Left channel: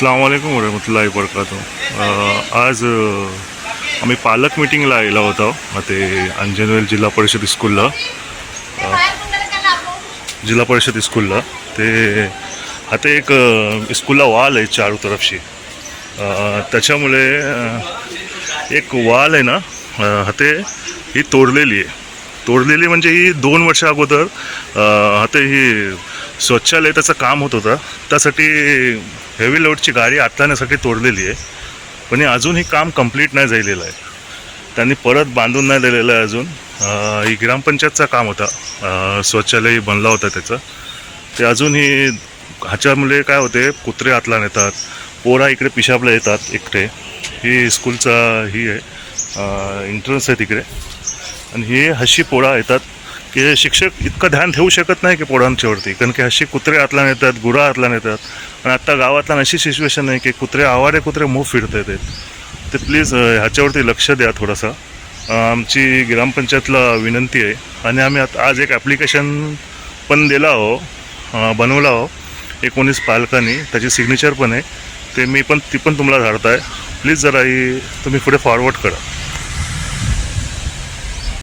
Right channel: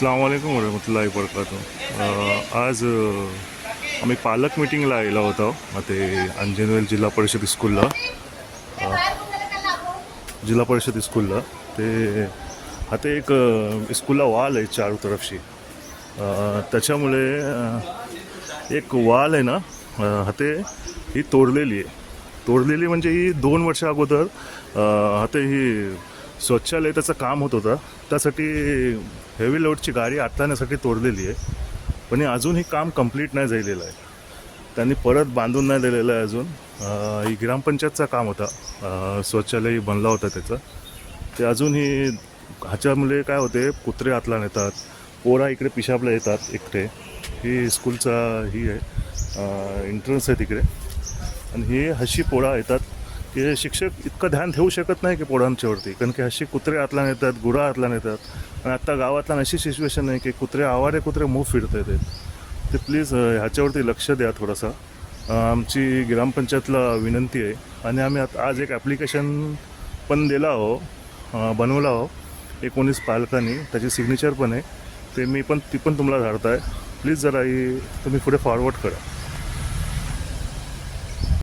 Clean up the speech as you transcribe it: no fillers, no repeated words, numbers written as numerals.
अस्सलाम वालेकुम वरहमतुल्लाहि वबरकातुह। आज आम्ही पालक मिटिंगला आलेलो होतो ते अंजनवेल जिल्हा परिषद स्कूलला ते आता एक स्कूलला वॉल आहे चारू तरफशी। त्याच्यामुळे एक वॉल आहे ना ते ही तोडलेली म्हणजे ही 2 वर्षा अगोदर आता ही शौचालय त्याचं काम होत होतं, त्यासाठी हेवी लोडची गाडी आणण्यासाठी तोडलेली आहे। पण अजूनही काम कंप्लीट नाही झालेलं आहे, त्यांनी परत बांधून नाही दिलेलं आहे अजून। ही ग्रामपंचायतचं काम होता, शौचालय बनला होता त्याचं, ते अजूनही ह्याच्यामुळे काय होते, कुत्रे आतला नेतात, पोरा इकडे पिशाबला येतात एकटे। ही स्कूलचा ही आहे एंट्रन्स आहे तिकडे, आणि हे हशी पोळा येतात की शिक्षक इतकं ध्यान ठेवू शकत नाही की पोळांच्यावरती, कारण की हशी कुत्रे आतला नेतात, गुरा आतला नेतात। आणि आत्ता गावातला अशी सिच्युएशन आहे की आवारे कुत्रे मूव फिरत आहेत, ते प्लीज ह्याच्यावरती लक्ष द्या थोडासा। आमची ग्रामपंचायतला विनंती आहे, आणि आम्ही आज एक ॲप्लिकेशन पण दिला बनवला 19 पालकांनी, त्याची सिग्नेचर पण आहे, ती पण तुम्हाला धाडताय। प्लीज जरा ही तुम्ही पुढे फॉरवर्ड करा।